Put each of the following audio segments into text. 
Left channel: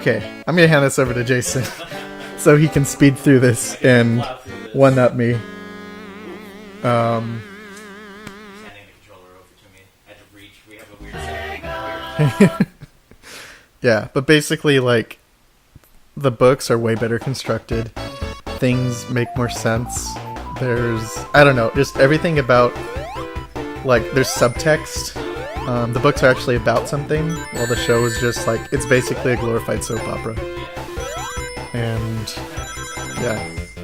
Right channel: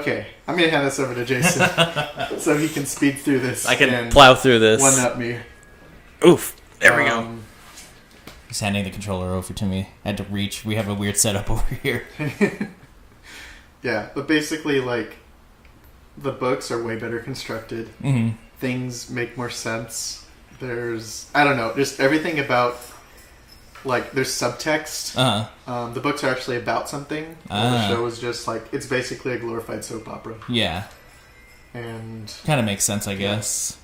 Okay, I'm gonna hand this over to Jason so he can speed through this. I can plow through this. One up me. Oof. There we go. He's handing the controller over to me. I had to reach. We have a weird setup over here. Yeah, but basically, like, the books are way better constructed. Mm-hmm. Things make more sense. There's, I don't know, just everything about, like, there's subtext. Uh-huh. The books are actually about something. While the show is just, like, it's basically a glorified soap opera. Yeah. And Kind of makes sense, I guess.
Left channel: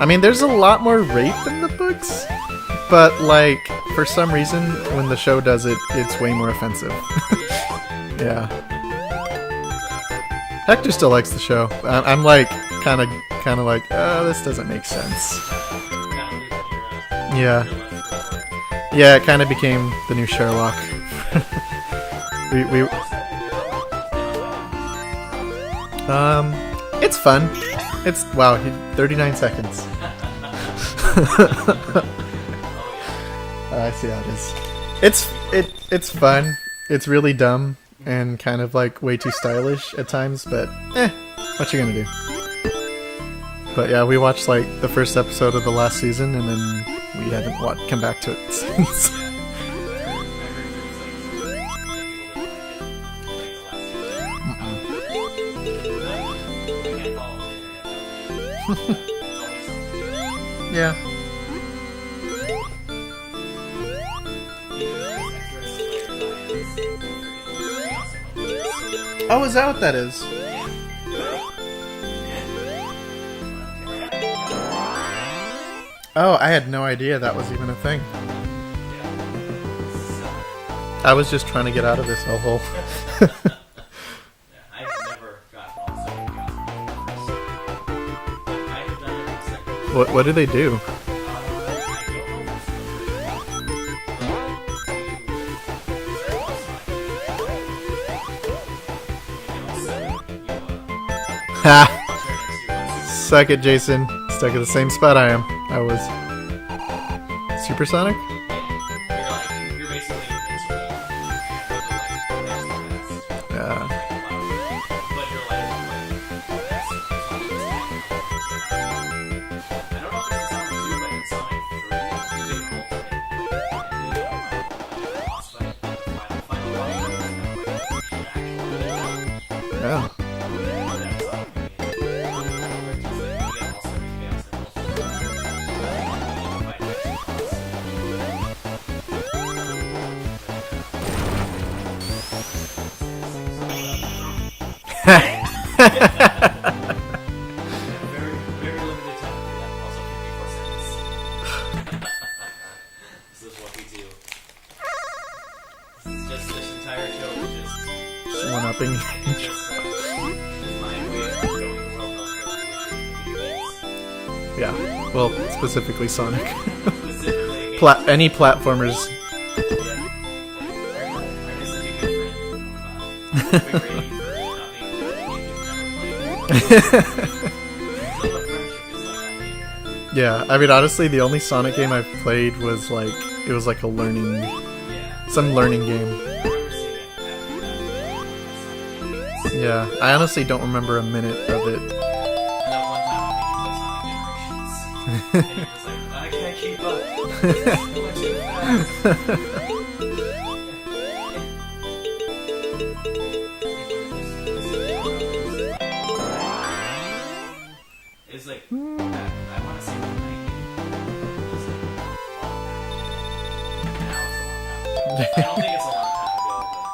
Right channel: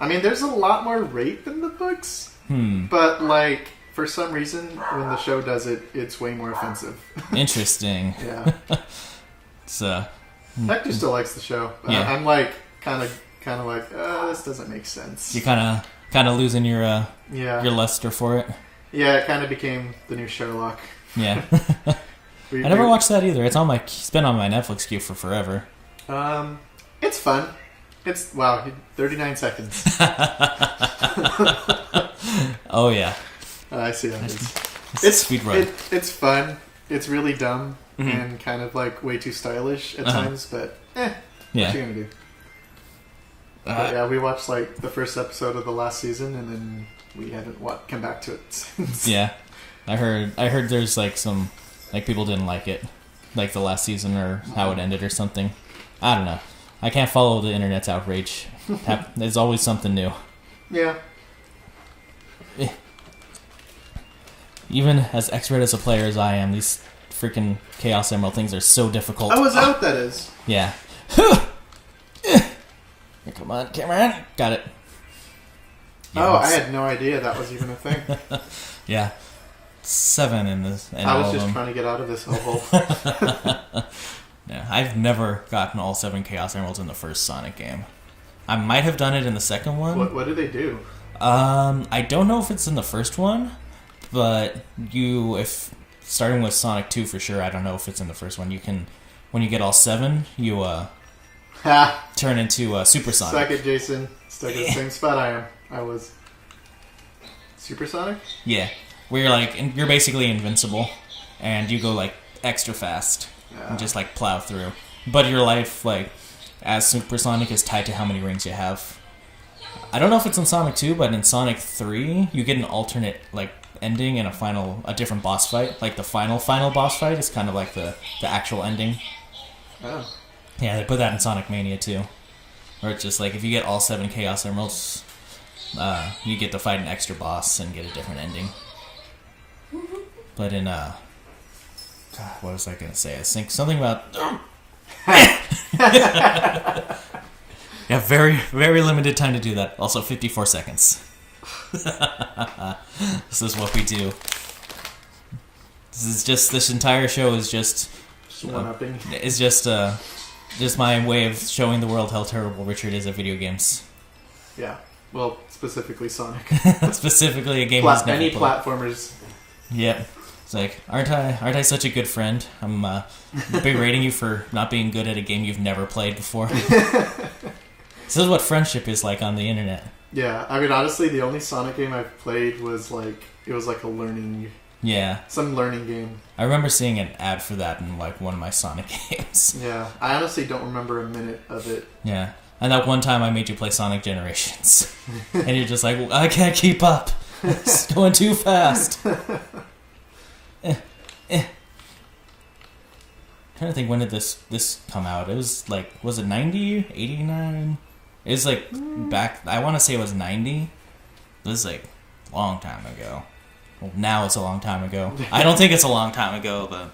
I mean, there's a lot more rape in the books, Hmm. but, like, for some reason, when the show does it, it's way more offensive. Interesting. Yeah. So. Hector still likes the show. Yeah. I'm like, kind of like, oh, this doesn't make sense. You're kind of losing your Yeah. luster for it. Yeah, it kind of became the new Sherlock. Yeah. I never watched that either. It's been on my Netflix queue for forever. It's fun. It's, wow, 39 seconds. Oh yeah. I see how it is. It's Speed run. it's fun. It's really dumb Mhm. and kind of like way too stylish at Uh-huh. times, but Yeah. what you gonna do? But yeah, we watched like the first episode of the last season, and then we haven't come back to it since. Yeah. I heard there's like some people didn't like it, like the last season or how it ended or something. I don't know. I can't follow the internet's outrage. There's always something new. Yeah. Even as expert as a player as I am, these freaking Chaos Emerald things are so difficult. How was out that is? Yeah. Come on, Cameron. Got it. Oh, I Yes. had no idea that was even a thing. Yeah. 7 in this. in I was all just of trying to get out of this hole. Yeah, I've never gotten all 7 Chaos Emeralds in the first Sonic game. I might have done it in the second one. What do they do? I don't know if it's in the first one, but if starting with Sonic 2 for sure, I don't know if it's in the first one. You can, when you get all 7, you Ha! turn into Super Sonic. Suck it, Jason. Stuck in the same spot I am. I was. Supersonic? Yeah, where you're basically invincible, and you go like extra fast, Yeah. and just like plow through. But your life, like as Supersonic, is tied to how many rings you have. I don't know if it's in Sonic 2, but in Sonic 3, you get an alternate like ending and a different boss fight. Like the final boss fight is kind of like the actual ending. Yeah. Yeah, they put that in Sonic Mania too, where it's just like if you get all 7 Chaos Emeralds, you get to fight an extra boss and get a different ending. But in what was I gonna say? I think something about yeah, very very limited time to do that. Also 54 seconds. This is what we do. This entire show is just One-upping. is just my way of showing the world how terrible Richard is at video games. Yeah. Well, specifically Sonic. Specifically a game. that's Any platformers. Yeah. It's like, aren't I such a good friend? I'm berating you for not being good at a game you've never played before. This is what friendship is like on the internet. Yeah, I mean, honestly, the only Sonic game I've played was like, it was like a learning, Yeah. some learning game. I remember seeing an ad for that in like one of my Sonic games. Yeah, I honestly don't remember a minute of it. Yeah. And that one time I made you play Sonic Generations. And you're just like, I can't keep up. It's going too fast. I don't think when did this come out? It was like, was it 90? 89? It was like back, I want to say it was 90. It was like a long time ago. Now it's a long time ago. I don't think it's a long time ago, but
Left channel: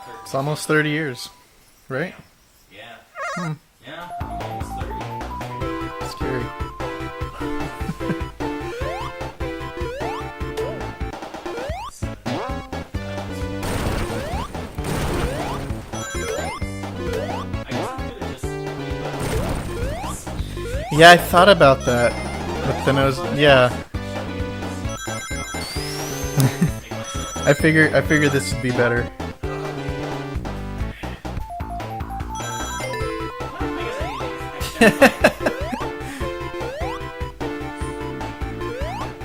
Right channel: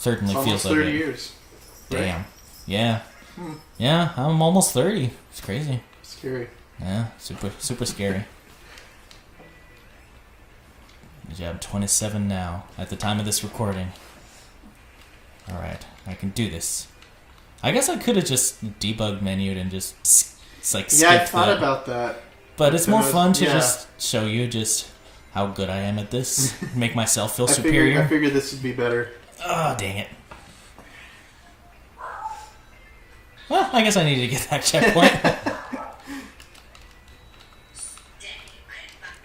certainly It's feels almost like 30 it. years. Right? Damn. Yeah. Yeah, I'm almost 30. It's crazy. Scary. Yeah, super scary. Yeah, I'm 27 now, at the time of this recording. I can do this. I guess I could have just debugged menu and just, it's like, Yeah, I skip thought it. about that. But it's then more it was- fun to yeah. just show you just how good I am at this. Make myself feel I superior. figured this would be better. Oh, dang it. Well, I guess I need to get that checkpoint.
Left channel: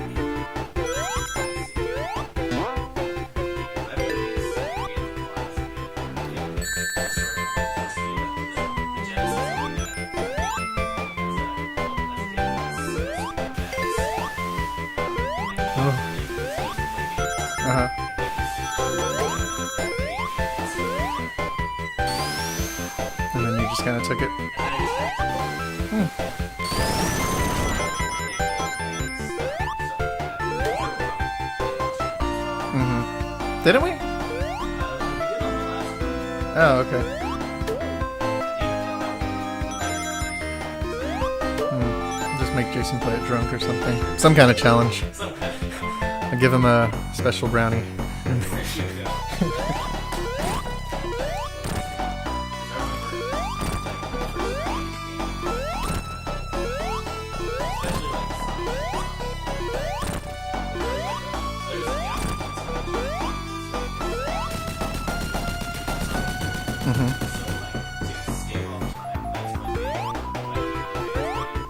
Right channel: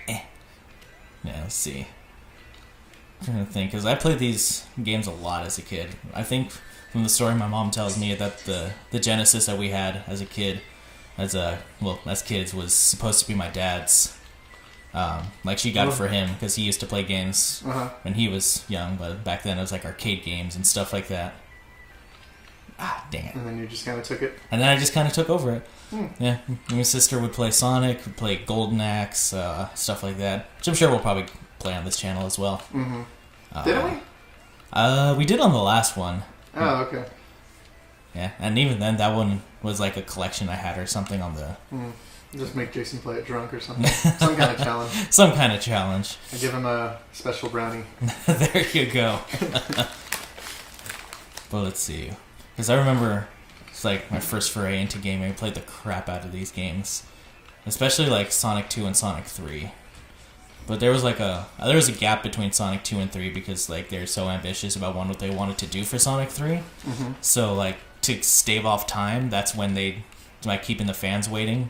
Yeah, let's see. I'm trying to think, because I played these games a lot as a kid. I think in the story my mom tells me that the Genesis that we had as a kid, as kids, was supposed to be my dad's. Like she got it for him because he used to play games when he was young, but back then it was like arcade games and stuff like that. And then you just kind of took it? And then I just kind of took over it. Yeah. My sister would play Sonic, would play Golden Axe, stuff like that. Which I'm sure we'll probably play on this channel as well. Didn't we? We did on the last one. Oh, okay. Yeah, and even then, that one was like a collection I had or something on the... Just make Jason play it drunk or something. Some kind of challenge. Some kind of challenge. I give him a special brownie. There you go. Well, let's see. Because I remember it was like my first foray into gaming. I played the crap out of these games. Especially like Sonic 2 and Sonic 3. But there was like a gap between Sonic 2 and 3 because like they were so ambitious about what they wanted to do for Sonic 3. So like to stave off time, that's when they, like keeping the fans waiting,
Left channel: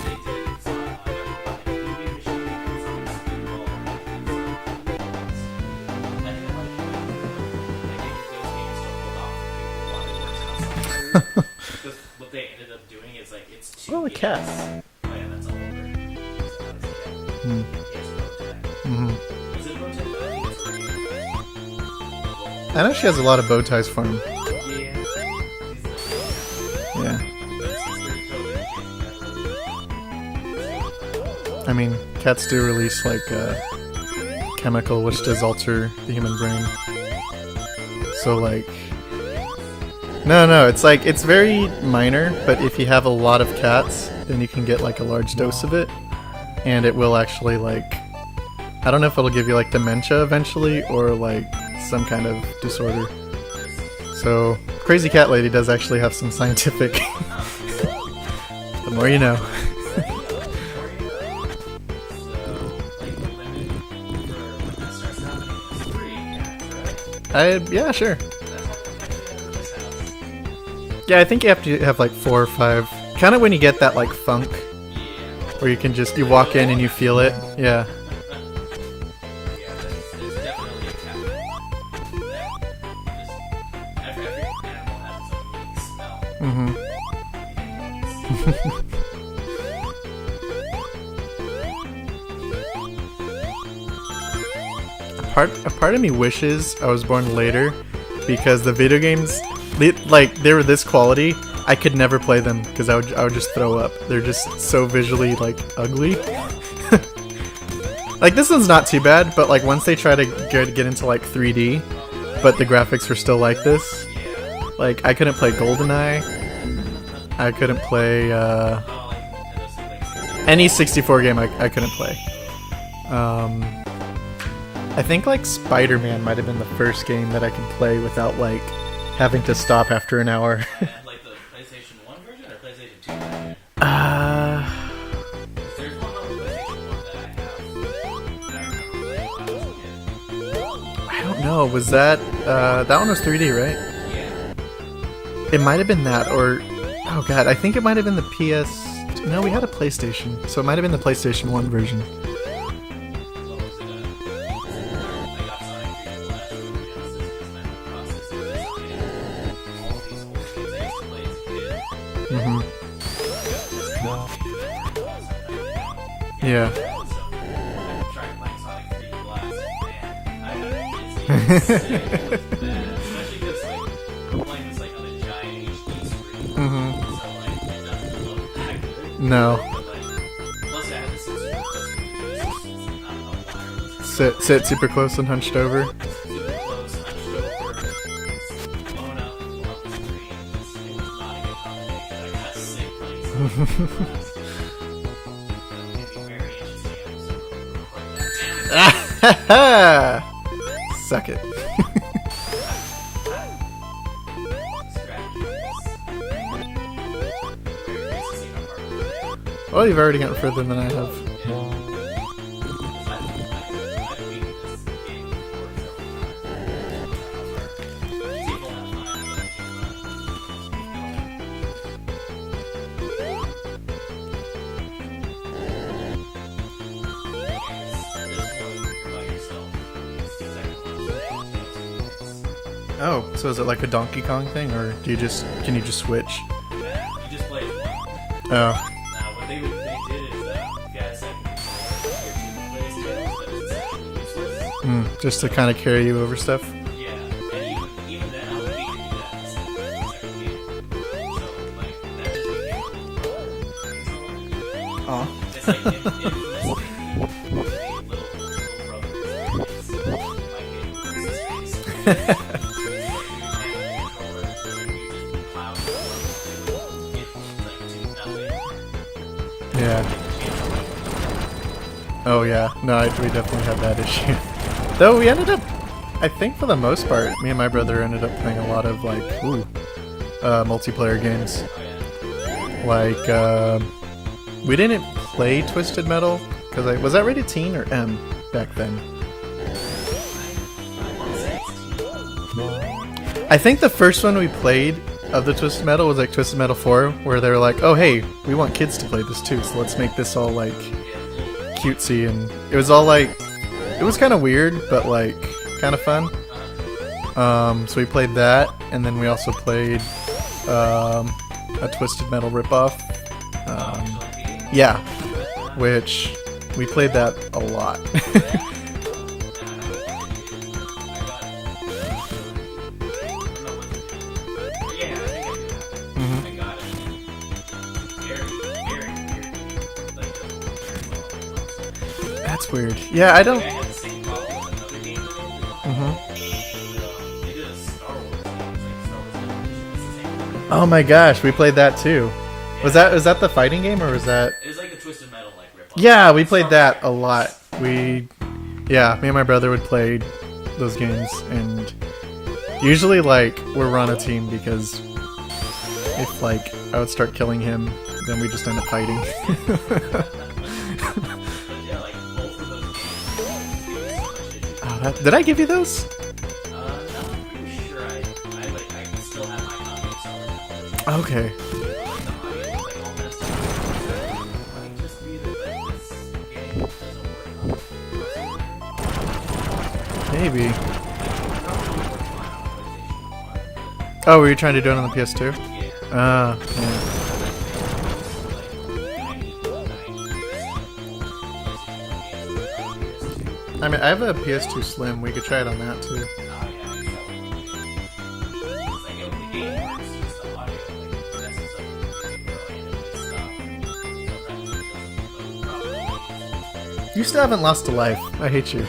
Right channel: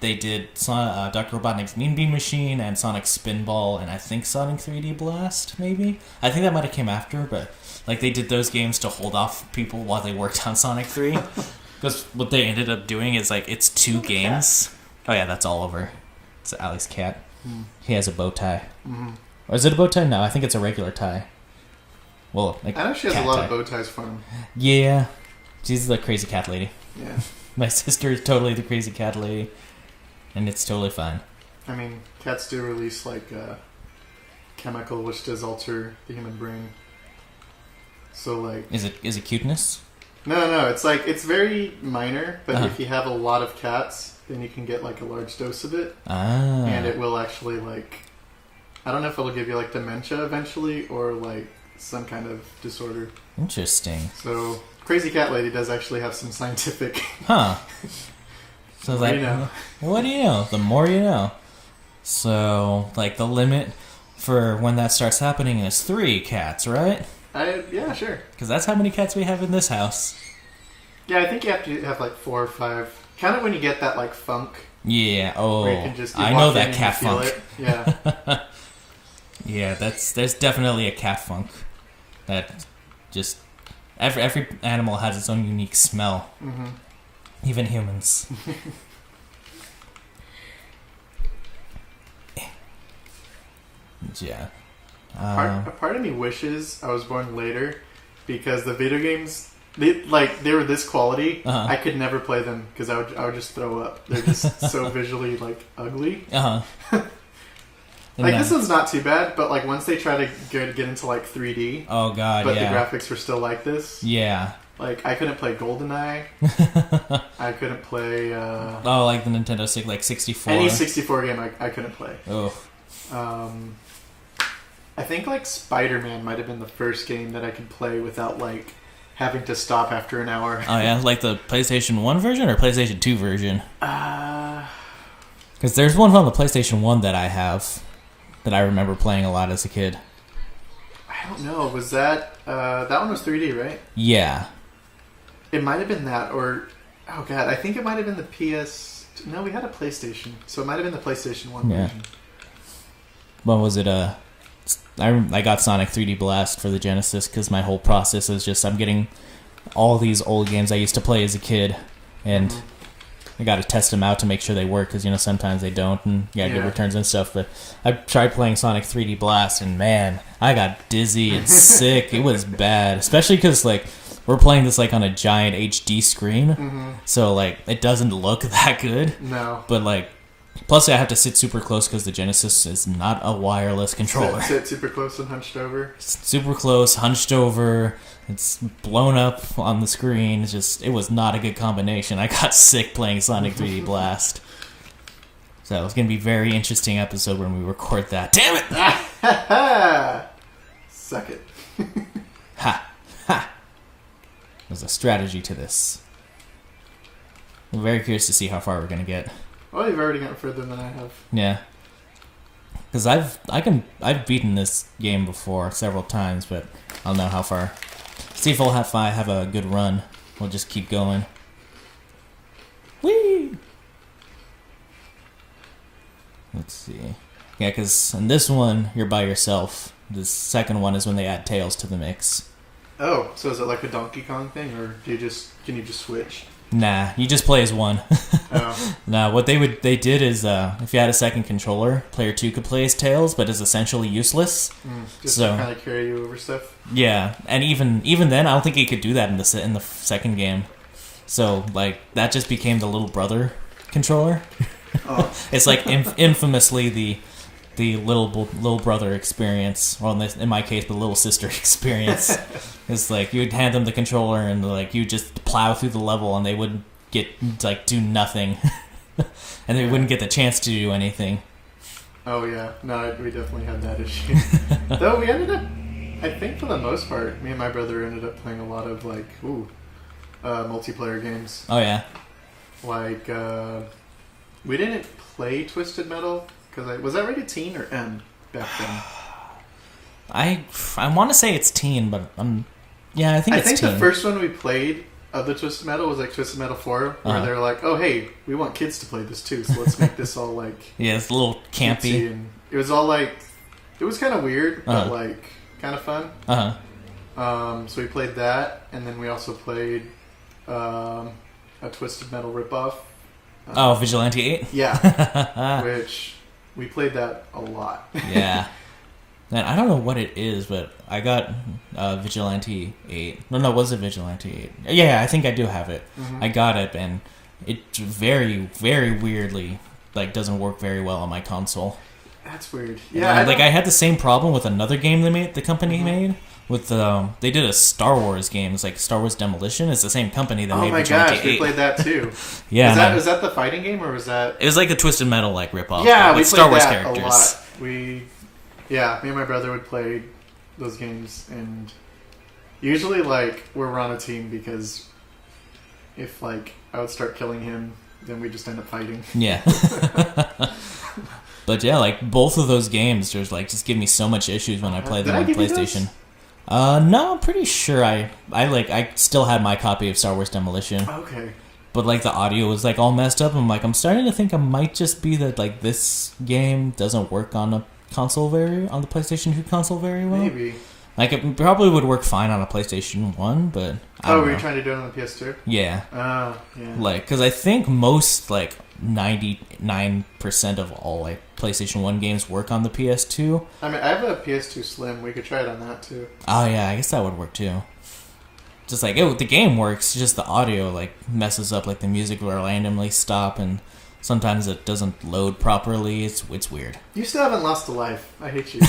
they did Dr. Robotnik's Mean Bean Machine and Sonic Spinball and I think Sonic 3D Blast maybe. I think that might have came after, but like they did those games to hold off people while they worked on Sonic 3. Because what they ended up doing is like it's two games. Oh yeah, that's Oliver. It's Ali's cat. He has a bow tie. Or is it a bow tie? No, I think it's a regular tie. Well, like I know she has a lot of bow ties for him. Yeah. She's the crazy cat lady. Yeah. My sister is totally the crazy cat lady. And it's totally fine. I mean, cats do release like a chemical which does alter the human brain. So like... Is it cuteness? No, it's like, it's very minor, but if you have a lot of cats, then you can get like a large dose of it. And it will actually like, I don't know if it'll give you like dementia eventually, or like some kind of disorder. Interesting. So, Crazy Cat Lady does actually have some scientific... Huh. The more you know. What do you know? The more you know. So, like the limit for when that starts happening is 3 cats, right? Yeah, sure. Because that's how many cats we have in this house. Yeah, I think you have to have like 4 or 5. Kind of when you get that like funk. Yeah. Oh. Where you can just walk in and you feel funk. it. Yeah. Yeah, there's definitely a cat funk. That just every animal has its own unique smell. Even humans. A part of me wishes I was born later, because the video games, they were this quality. I could never play them because I would just throw up. They're just so visually like ugly. Like this one's not too bad, but like once they try to get into like 3D, oh god, but the graphics were still like this. Yeah. Like I couldn't play GoldenEye. I couldn't play. Oh, like the Nintendo 64. Any 64 game I couldn't play. Oh. I think like Spider-Man might have been the first game that I could play without like having to stop after an hour. Oh yeah, like the PlayStation 1 version or PlayStation 2 version? Because there's one on the PlayStation 1 that I have that I remember playing a lot as a kid. I don't know. Was that one was 3D, right? Yeah. It might have been that, or oh god, I think it might have been the PS. No, we had a PlayStation, so it might have been the PlayStation 1 version. When was it? I got Sonic 3D Blast for the Genesis because my whole process is just I'm getting all these old games I used to play as a kid, and I got to test them out to make sure they work because sometimes they don't, and get returns and stuff. But I tried playing Sonic 3D Blast, and man, I got dizzy and sick. It was bad, especially because like we're playing this like on a giant HD screen, so like it doesn't look that good. No, but like. Plus, I have to sit super close because the Genesis is not a wireless controller. Sit super close and hunched over. Super close, hunched over. It's blown up on the screen. It was not a good combination. I got sick playing Sonic 3D Blast. So it's gonna be a very interesting episode when we record that. Damn it! Suck it. Ha ha. There's a strategy to this. I'm very curious to see how far we're gonna get. Well, you've already gotten further than I have. Yeah. Because I've beaten this game before several times, but I'll know how far. See if we'll have a good run. We'll just keep going. Whee! Let's see. Yeah, because in this one you're by yourself. The second one is when they add Tails to the mix. Oh, so is it like a Donkey Kong thing, or can you just switch? Nah, you just play as one. Oh. Nah, what they did is if you had a second controller, player 2 could play as Tails, but is essentially useless. Just to kind of carry you over stuff. Yeah, and even then, I don't think he could do that in the second game. So like that just became the little brother controller. Oh. It's like infamously the little brother experience, or in my case, the little sister experience. It's like you'd hand them the controller and like you just plow through the level and they wouldn't do nothing, and they wouldn't get the chance to do anything. Oh yeah, no, we definitely had that issue. Though we ended up, I think for the most part, me and my brother ended up playing a lot of like multiplayer games. Oh yeah. Like we didn't play Twisted Metal because was that rated teen or M back then? I want to say it's teen, but yeah, I it's think teen. the first one we played of the Twisted Metal was like Twisted Metal 4, where they were like, "Oh hey, we want kids to play this too, so let's make this all like yeah, it's a little campy, cutesy," and it was all like it was kind of weird, but like kind of fun. So we played that, and then we also played a Twisted Metal ripoff. Vigilante 8? Yeah. Which we played that a lot. Yeah. Man, I don't know what it is, but I got Vigilante 8. No, was it Vigilante 8? Yeah, I think I do have it. I got it, and it very, very weirdly like doesn't work very well on my console. That's weird. Yeah, I had the same problem with another game the company made with they did a Star Wars game. It's like Star Wars Demolition. It's the same company that Oh made my Vigilante gosh, we 8. played that too. Yeah. Was that the fighting game or was that? It was like a Twisted Metal like ripoff. Yeah, we with Star played Wars that characters. a lot. Me and my brother would play those games, and usually like we're on a team because if like I would start killing him, then we just end up fighting. Yeah. But yeah, like both of those games just give me so much issues when I play them Did I on give you PlayStation. those? No, I'm pretty sure I still had my copy of Star Wars Demolition. Okay. But like the audio was like all messed up. I'm starting to think it might just be that like this game doesn't work on a console variant, on the PlayStation 2 console variant. Maybe. Like it probably would work fine on a PlayStation 1, but Were you trying to do it on the PS2? yeah. Yeah. Like, because I think most, like, 99% of all, like, PlayStation 1 games work on the PS2. I mean, I have a PS2 Slim. We could try it on that too. Oh, yeah, I guess that would work, too. Just like, the game works, just the audio, like, messes up, like, the music will randomly stop, and sometimes it doesn't load properly. It's weird. You still haven't lost a life. I hate you.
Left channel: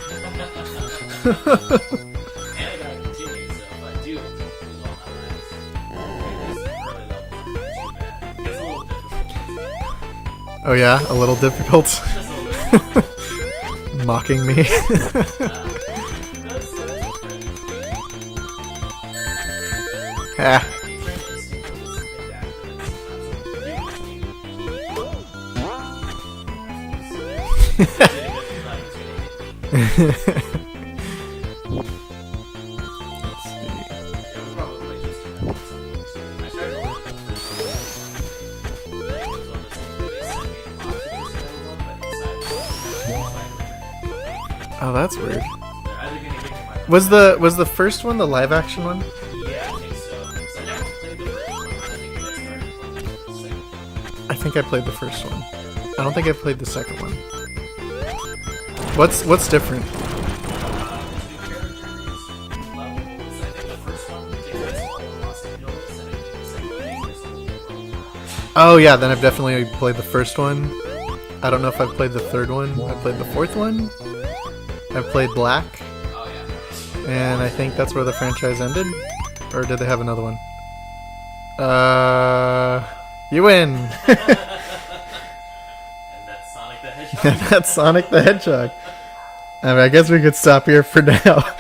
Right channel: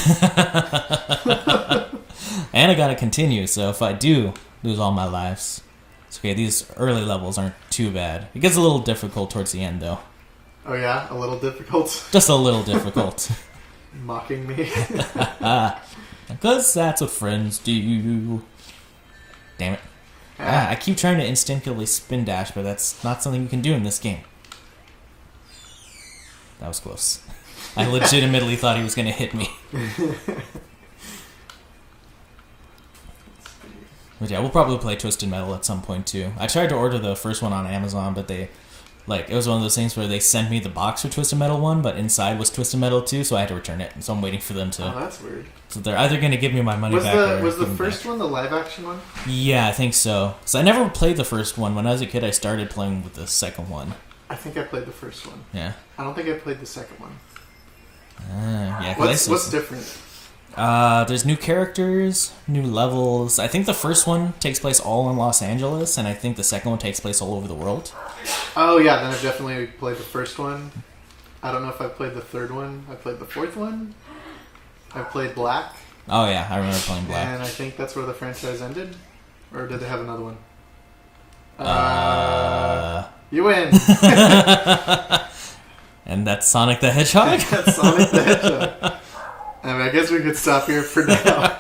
And I gotta continue, so if I do lose all my lives, it's okay, these early levels aren't too bad. It gets a little difficult towards the end, though. Oh yeah, a little difficult. Just a little difficult. Mocking me. Because that's what friends do. Damn it. I keep trying to instinctively spin dash, but that's not something you can do in this game. That was close. I legitimately thought he was going to hit me. But yeah, we'll probably play Twisted Metal at some point too. I tried to order the first one on Amazon, but it was one of those things where they sent me the box for Twisted Metal 1, but inside was Twisted Metal 2, so I had to return it. So I'm waiting for them to. Oh, that's weird. So they're either going to give me my money Was back. was the first one the live action one? Yeah, I think so. So I never played the first one. When I was a kid, I started playing the second one. I think I played the first one. Yeah. I don't think I played the second one. Yeah, What's different? There's new characters, new levels. I think the first one takes place all in Los Angeles, and I think the second one takes place all over the world. Oh yeah, then I've definitely played the first one. I don't know if I've played the third one. I played the fourth one. I've played Black. Oh yeah, I remember playing that. And I think that's where the franchise ended. Or did they have another one? You win! And that's Sonic the Hedgehog? That's Sonic the Hedgehog. I mean, I guess we could stop here for now.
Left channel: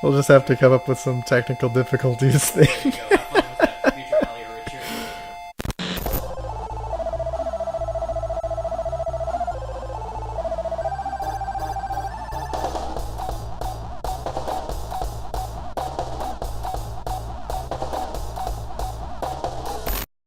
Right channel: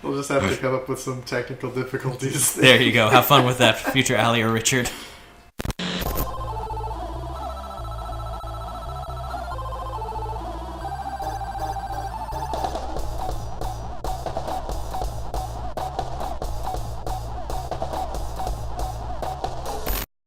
We'll just have to come up with some technical difficulties. There you go. Have fun with that, future Allie or Richard.